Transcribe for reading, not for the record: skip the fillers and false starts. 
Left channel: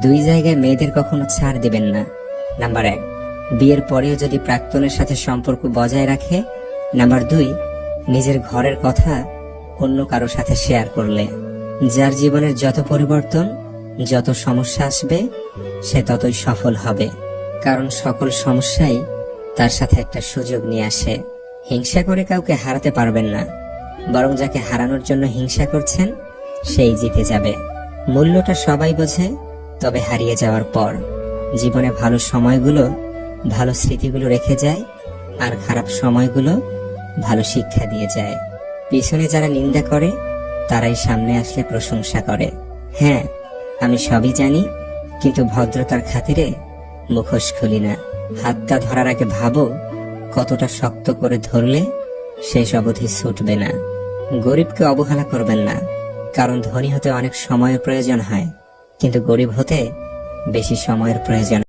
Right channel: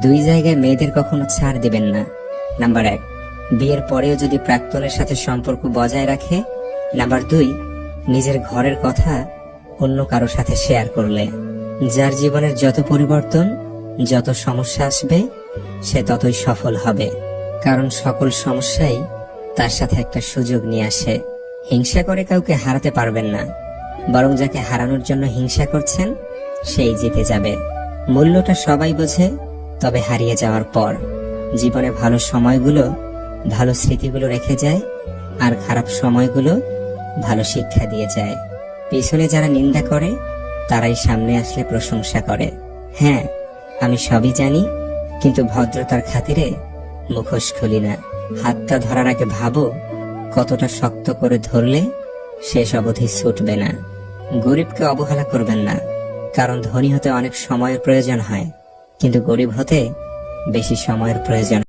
দুই জায়গায় মেয়েদের কখনো ছাড় দিবেন না। নাম্বার 1, বিয়ের পরেও যদি প্রাক্তনের সাথে সম্পর্ক বজায় রাখে। নাম্বার 2, নিজের ঘরের কথা অন্য কারো সাথে শেয়ার করলে। যার জীবনের যত পরিবর্তন, যত সমস্যা আসবে, সে ততই সফল হবে। কারণ সকল সমস্যাই তার সাথে একটা সুযোগ নিয়ে আসে। হিংসা করে কাউকে হারাতে পারবেন না, বরং যাকে হারানোর জন্য হিংসা করছেন সেই জিতে যাবে। মূল্যটা সবাই বোঝে, তবে হারিয়ে যাওয়ার পর। জীবনে ভালো সময়গুলো ভালো স্মৃতিগুলো রেখে যায়, আর খারাপ সময়গুলো ভালো শিক্ষা দিয়ে যায়। পিছনে যারা নিন্দা করে তারাই সামনে আসলে প্রশংসা করে। হ্যাঁ, আমি সবই জানি, কিন্তু ভদ্রতার খাতিরে মুখোশ খুলি না। হাতটা ধরার আগে ভাবো কতটা শক্ত করে ধরলে শেষ অবধি ছুটবে না। গরিবকে অবহেলা করবেন না, কারণ ধনী হতে অনেক সময়ের প্রয়োজন হয়, কিন্তু গরিব হতে বেশি সময়ের প্রয়োজন।